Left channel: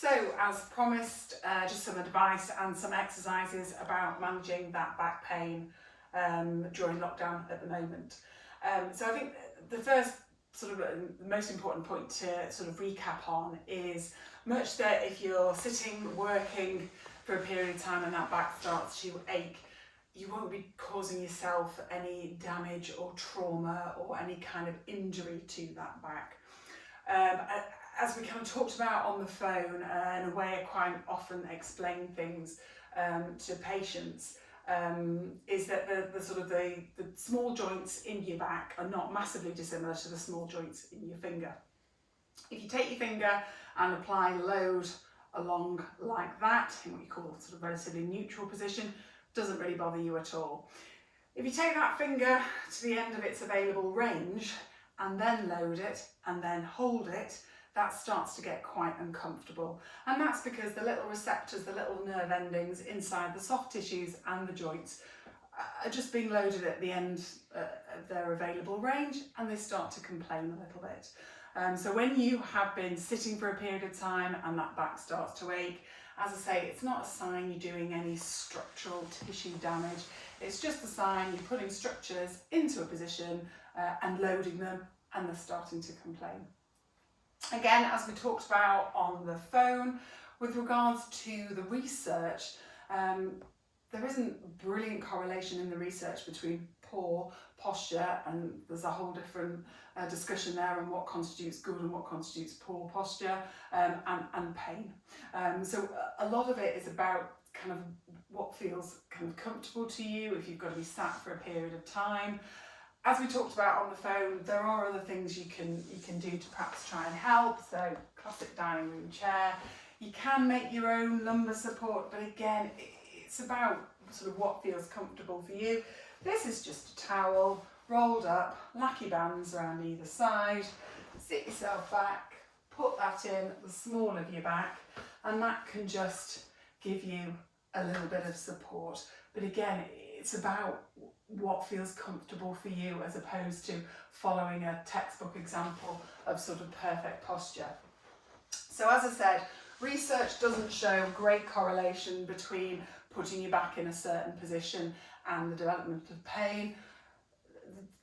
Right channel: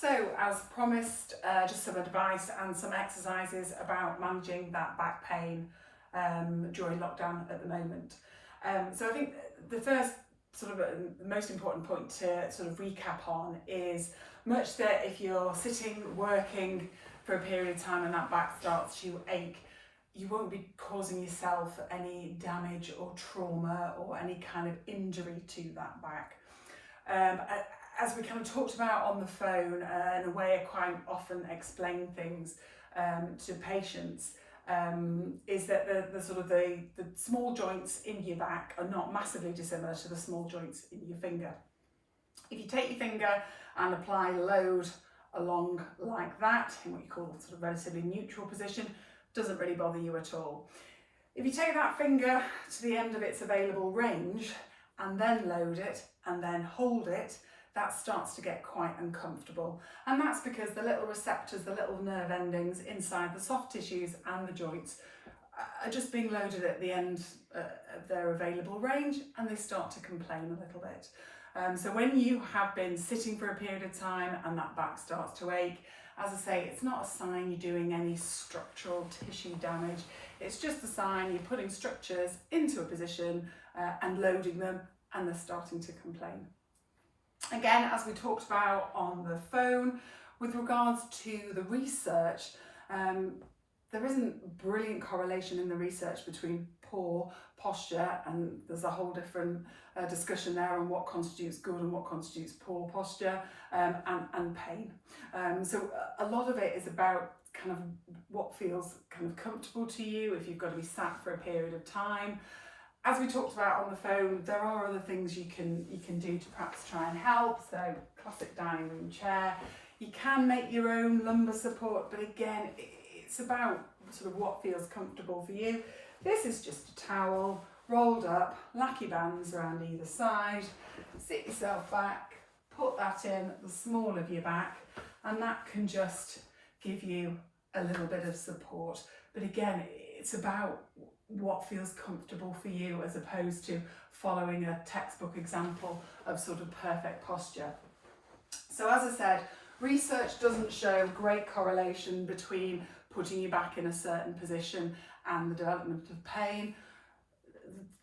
So, as promised, just some advice and some exercises about managing that back pain during lockdown at the moment. So I think the first sort of the most important point to sort of recap on is much that if you're sitting, working for a period of time and that back starts to ache, you won't be causing yourself any damage or trauma or any kind of injury to that back. As we kind of talked about on the phone, in a way I quite often explain things to patients, is that the sort of the small joints in your back are not massively dissimilar to the small joints in your finger. If you take your finger and apply load along like that, in what you call sort of relatively neutral position, doesn't really bother you at all. If you take that finger to the end of its available range and then load it and then hold it, that starts to get quite uncomfortable. And that's because the little receptors, the little nerve endings inside the soft tissues and the joints are just being loaded at the end of their available range, and they start to complain a little bit. So when you have been sitting for a period of time and that back starts to ache, as I say, it's not a sign you're doing any structural tissue damage. It's just a sign you're putting structures into a position and loading them, and they're starting to complain. Again, as we talked about on the phone, with regards to the research, there isn't brilliant correlation in the research between poor posture, and there's a whole different discussion there on what constitutes good and what constitutes poor posture, and pain. So a lot of it is about kind of what feels kind of comfortable to you if you've got to be sat for a period of time. As we talked about on the phone, there are other things you can do to perhaps try and help. So classic dining room chair. You can make your own lumbar support, but again, it's about sort of what feels comfortable for you. This is just a towel rolled up, lacky bands around either side. Sit yourself back, put that in the small of your back, and that can just give you a little bit of support. But again, it's about what feels comfortable for you as opposed to following a textbook example of sort of perfect posture. So as I said, research doesn't show great correlation between putting your back in a certain position and the development of pain.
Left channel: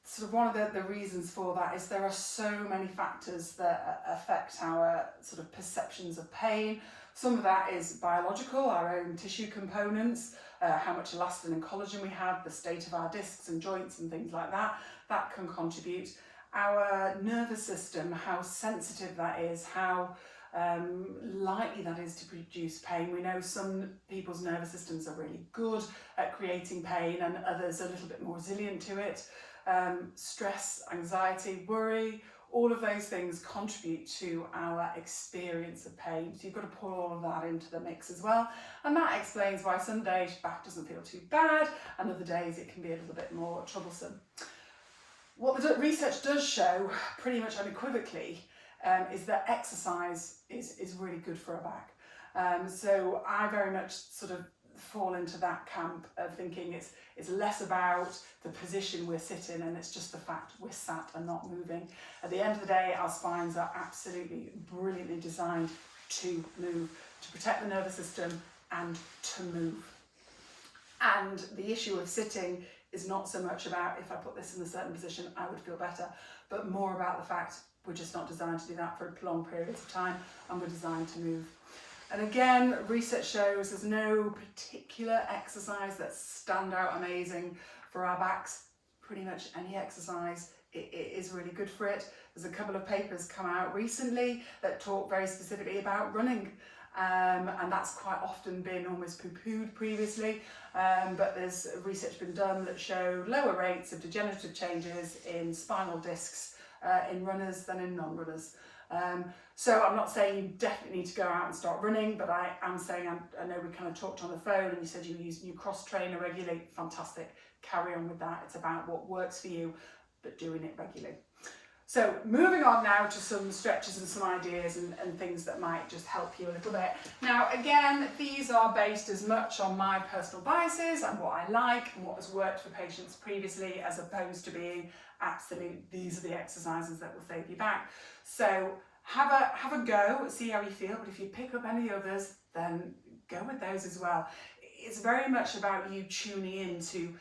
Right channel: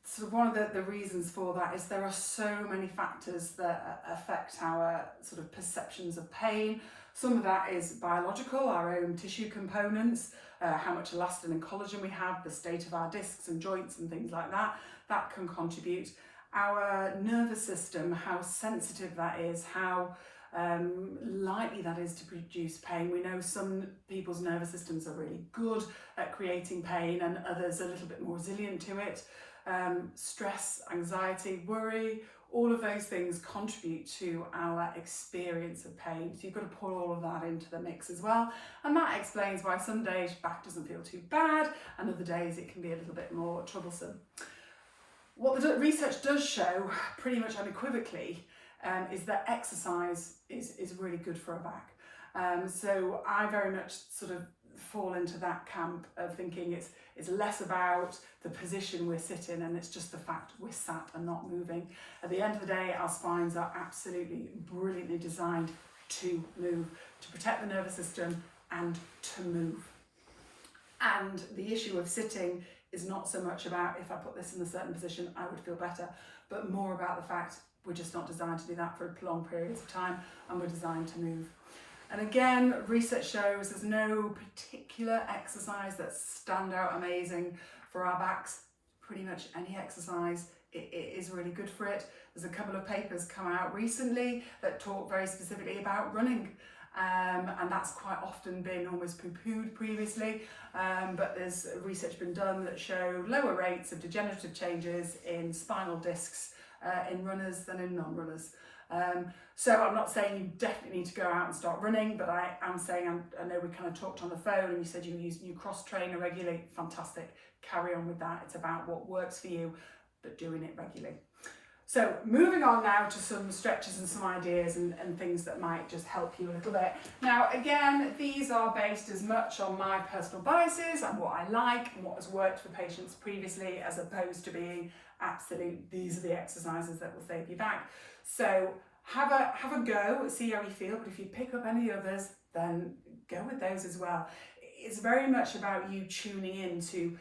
Sort of one of the reasons for that is there are so many factors that affect our sort of perceptions of pain. Some of that is biological, our own tissue components, how much elastin and collagen we have, the state of our discs and joints and things like that. That can contribute. Our nervous system, how sensitive that is, how likely that is to produce pain. We know some people's nervous systems are really good at creating pain and others a little bit more resilient to it. Stress, anxiety, worry, all of those things contribute to our experience of pain. So you've got to put all of that into the mix as well. And that explains why some days your back doesn't feel too bad and other days it can be a little bit more troublesome. What the research does show pretty much unequivocally is that exercise is really good for a back. So I very much sort of fall into that camp of thinking it's less about the position we're sitting and it's just the fact we're sat and not moving. At the end of the day, our spines are absolutely brilliantly designed to move, to protect the nervous system and to move. And the issue of sitting is not so much about if I put this in a certain position, I would feel better, but more about the fact we're just not designed to do that for prolonged periods of time, and we're designed to move. And again, research shows there's no particular exercise that stand out amazing for our backs. Pretty much any exercise it is really good for it. There's a couple of papers come out recently that talk very specifically about running. And that's quite often been almost poo-pooed previously, but there's research been done that show lower rates of degenerative changes in spinal discs in runners than in non-runners. So I'm not saying you definitely need to go out and start running, but I am saying, I know we kind of talked on the phone and you said you cross-trainer regularly. Fantastic, carry on with that. It's about what works for you, but doing it regularly. So moving on now to some stretches and some ideas and things that might just help you a little bit. Now again, these are based as much on my personal biases and what I like and what has worked for patients previously, as opposed to being absolute, these are the exercises that will save you back. So have a go, see how you feel, but if you pick up any others, then go with those as well. It's very much about you tuning into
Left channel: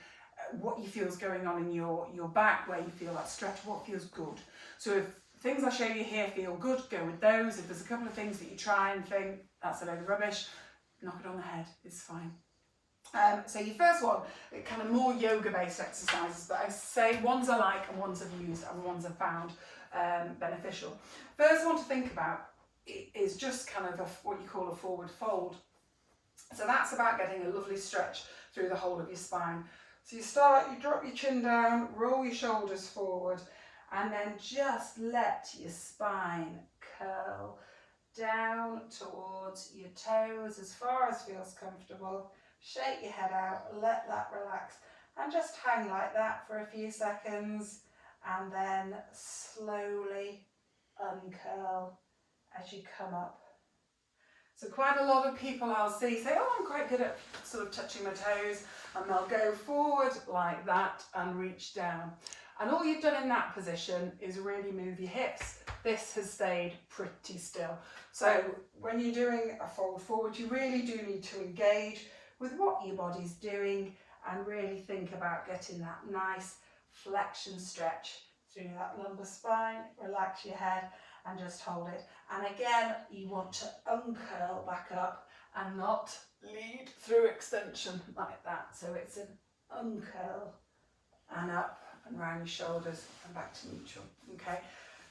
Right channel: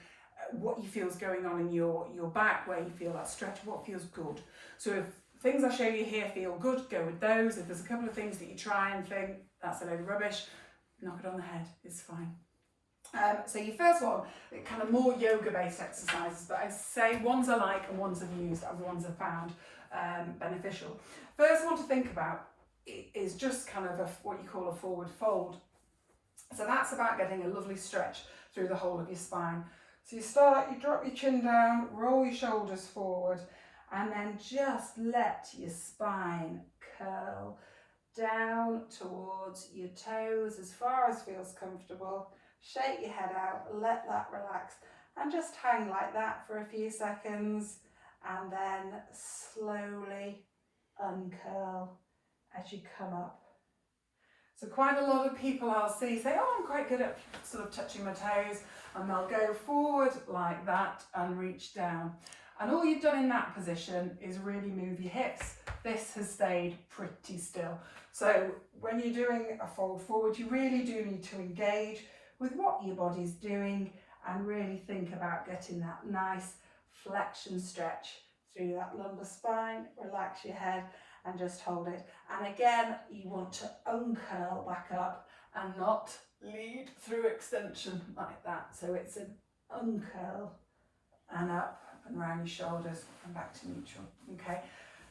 what you feel is going on in your back, where you feel that stretch, what feels good. So if things I show you here feel good, go with those. If there's a couple of things that you try and think, that's a load of rubbish, knock it on the head, it's fine. So your first one, kind of more yoga-based exercises, but I say ones I like and ones I've used and ones I've found beneficial. First one to think about is just kind of what you call a forward fold. So that's about getting a lovely stretch through the whole of your spine. So you drop your chin down, roll your shoulders forward, and then just let your spine curl down towards your toes as far as feels comfortable. Shake your head out, let that relax, and just hang like that for a few seconds, and then slowly uncurl as you come up. So quite a lot of people I'll see say, oh, I'm quite good at sort of touching my toes, and they'll go forward like that and reach down. And all you've done in that position is really move your hips. This has stayed pretty still. So when you're doing a fold forward, you really do need to engage with what your body's doing and really think about getting that nice flexion stretch through that lumbar spine. Relax your head and just hold it. And again, you want to uncurl back up and not lead through extension like that. So it's an uncurl and up and round your shoulders and back to neutral. Okay.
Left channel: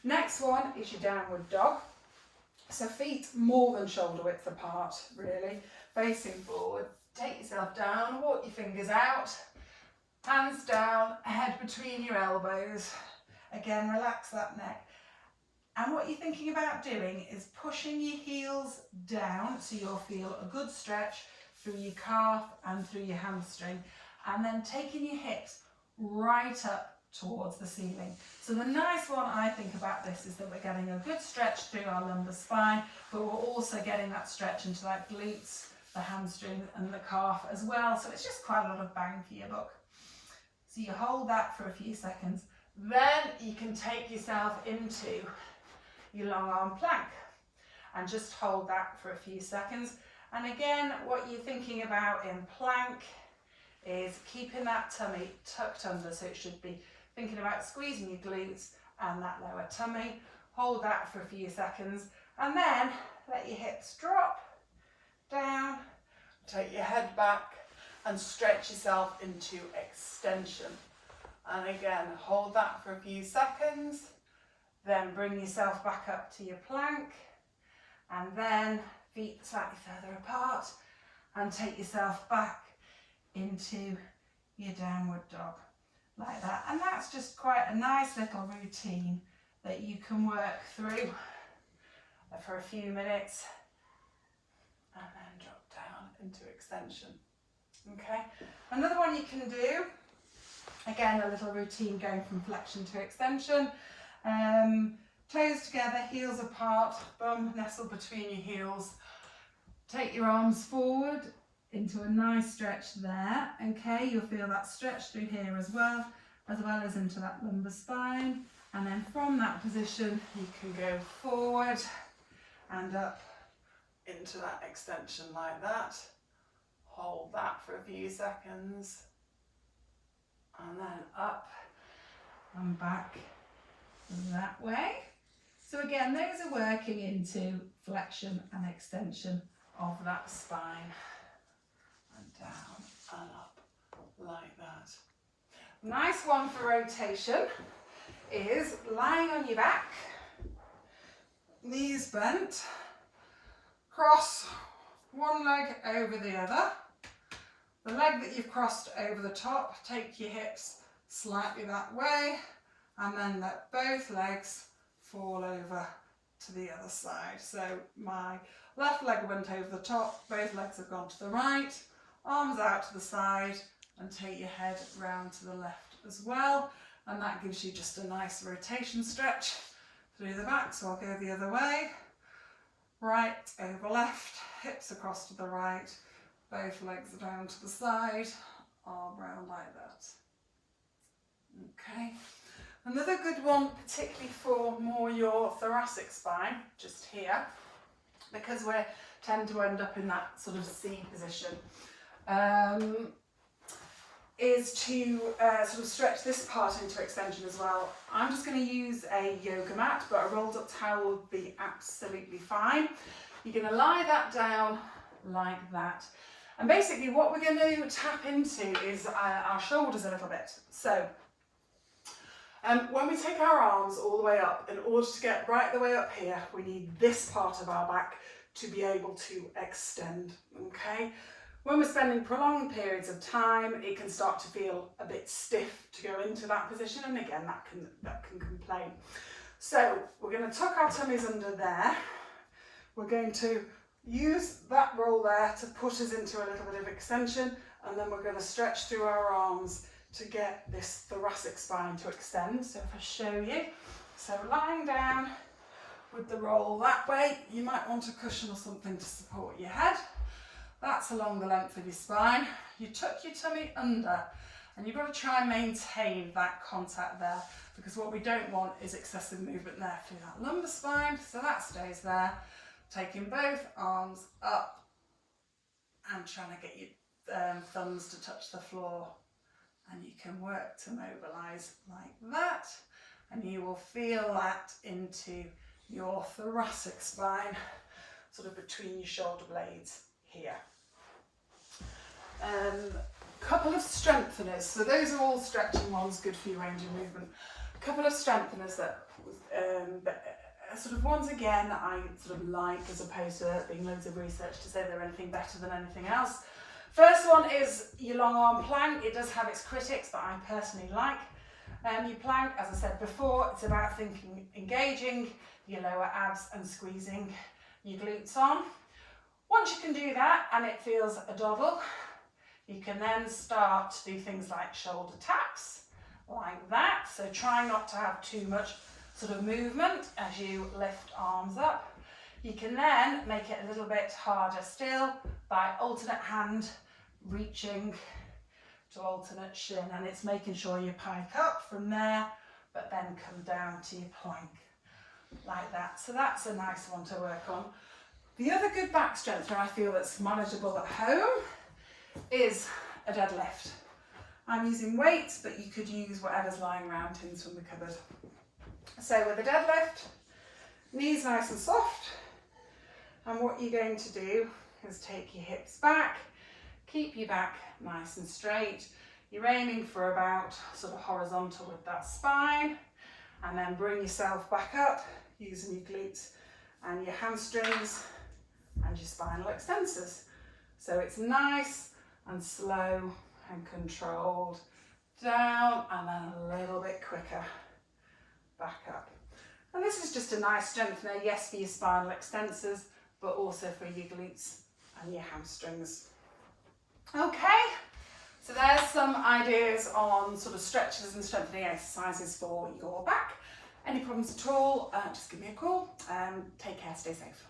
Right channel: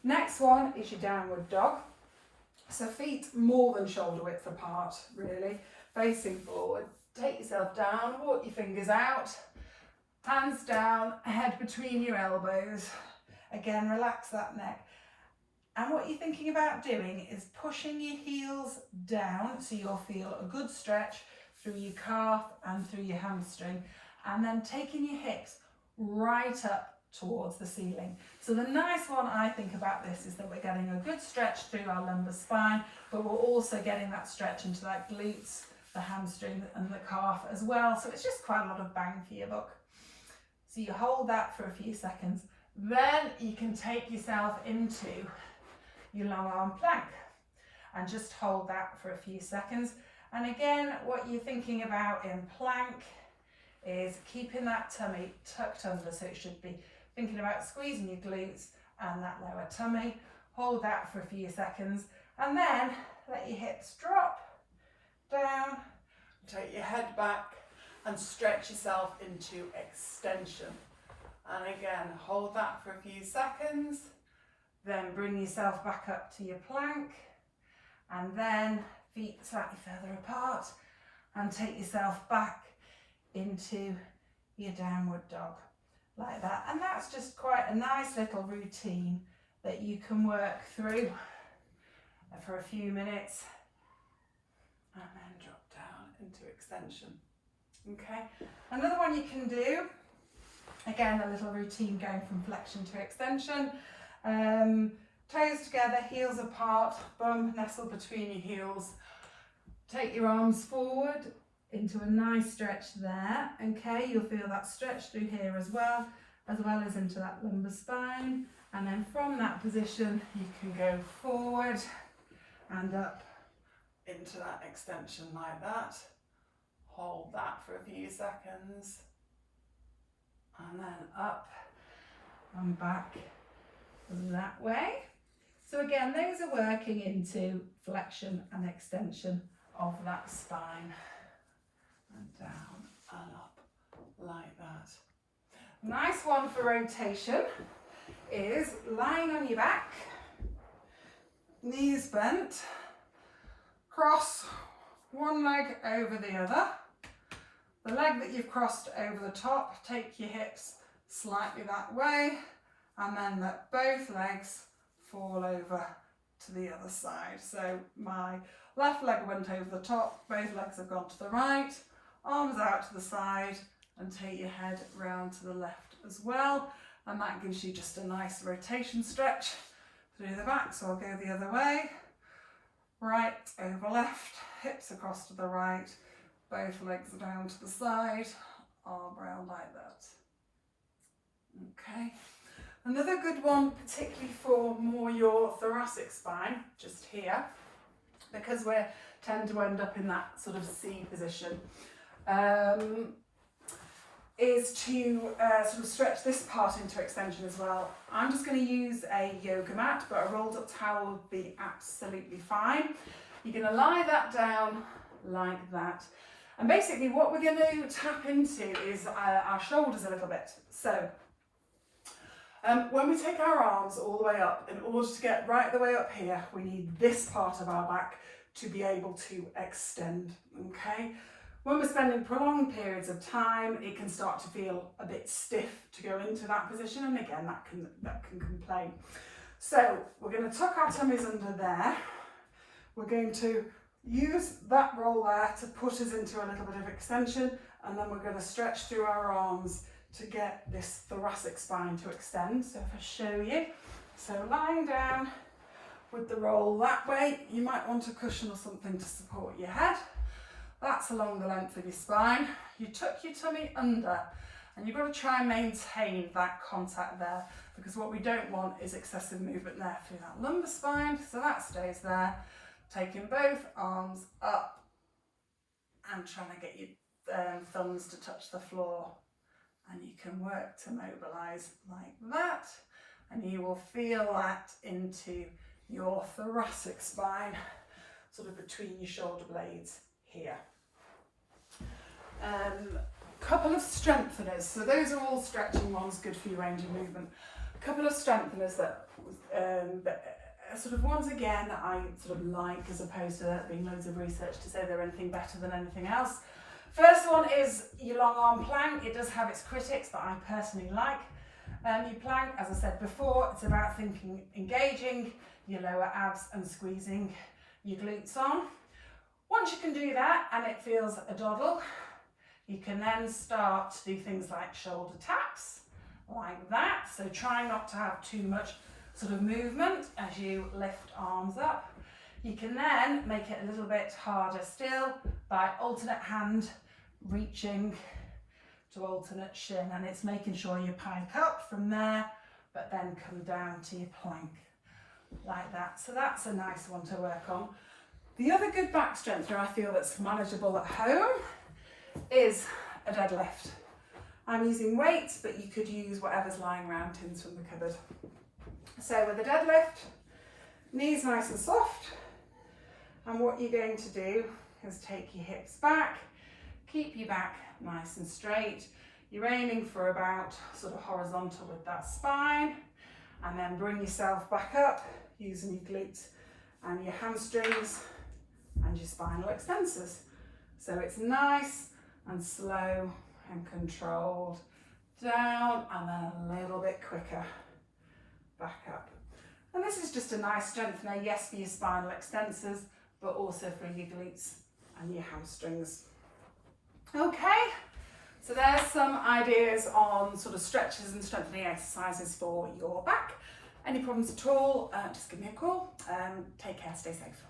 Next one is your downward dog. So feet more than shoulder width apart, really, facing forward. Take yourself down, walk your fingers out, hands down, head between your elbows. Again, relax that neck. And what you're thinking about doing is pushing your heels down so you'll feel a good stretch through your calf and through your hamstring, and then taking your hips right up towards the ceiling. So the nice one I think about this is that we're getting a good stretch through our lumbar spine, but we're also getting that stretch into that glutes, the hamstring and the calf as well. So it's just quite a lot of bang for your buck. So you hold that for a few seconds. Then you can take yourself into your long arm plank and just hold that for a few seconds. And again, what you're thinking about in plank is keeping that tummy tucked under. So it should be thinking about squeezing your glutes and that lower tummy. Hold that for a few seconds and then let your hips drop down, take your head back and stretch yourself into extension. And again, hold that for a few seconds, then bring yourself back up to your plank, and then feet slightly further apart and take yourself back into your downward dog like that. And that's just quite a nice little routine that you can work through for a few minutes and then drop down into extension. Okay, another one you can do, again a little routine going from flexion to extension. Toes together, heels apart, bum nestled between your heels. Take your arms forward into a nice stretch there. Okay, you'll feel that stretch through here as well as into that lumbar spine. And then from that position, you can go forward and up into that extension like that. Hold that for a few seconds. And then up and back that way. So again, those are working into flexion and extension of that spine. And down and up like that. Nice one for rotation is lying on your back, knees bent, cross one leg over the other. The leg that you've crossed over the top, take your hips slightly that way and then let both legs fall over to the other side. So my left leg went over the top, both legs have gone to the right, arms out to the side, and take your head round to the left as well. And that gives you just a nice rotation stretch through the back. So I'll go the other way, right over left, hips across to the right, both legs are down to the side, arm round like that. Okay. Another good one, particularly for more your thoracic spine, just here, because we tend to end up in that sort of C position, is to sort of stretch this part into extension as well. I'm just going to use a yoga mat, but a rolled up towel would be absolutely fine. You're going to lie that down like that. And basically what we're going to tap into is our shoulders a little bit. So when we take our arms all the way up, in order to get right the way up here, we need this part of our back to be able to extend, okay? When we're spending prolonged periods of time, it can start to feel a bit stiff to go into that position, and again, that can complain. So we're going to tuck our tummies under there. We're going to use that roll there to put us into a little bit of extension, and then we're going to stretch through our arms to get this thoracic spine to extend. So if I show you, so lying down with the roll that way, you might want a cushion or something to support your head. That's along the length of your spine. You tuck your tummy under, and you've got to try and maintain that contact there, because what we don't want is excessive movement there through that lumbar spine. So that stays there. Taking both arms up and trying to get your thumbs to touch the floor. And you can work to mobilise like that, and you will feel that into your thoracic spine, sort of between your shoulder blades here. Couple of strengtheners, so those are all stretching ones, good for your range of movement. A couple of strengtheners that sort of ones again that I sort of like, as opposed to there being loads of research to say they're anything better than anything else. First one is your long arm plank. It does have its critics, but I personally like. Your plank, as I said before, it's about engaging your lower abs and squeezing your glutes on. Once you can do that and it feels a doddle, you can then start to do things like shoulder taps, like that. So try not to have too much sort of movement as you lift arms up. You can then make it a little bit harder still by alternate hand reaching to alternate shin, and it's making sure you pike up from there but then come down to your plank like that. So that's a nice one to work on. The other good back strengthener I feel that's manageable at home is a deadlift. I'm using weights, but you could use whatever's lying around, tins from the cupboard. So with a deadlift, knees nice and soft, and what you're going to do is take your hips back, keep your back nice and straight. You're aiming for about sort of horizontal with that spine, and then bring yourself back up using your glutes and your hamstrings and your spinal extensors. So it's nice and slow and controlled, down and then a little bit quicker back up. And this is just a nice strengthener, yes, for your spinal extensors, but also for your glutes and your hamstrings. Okay, so there's some ideas on sort of stretches and strengthening exercises for your back. Any problems at all, just give me a call. Take care, stay safe.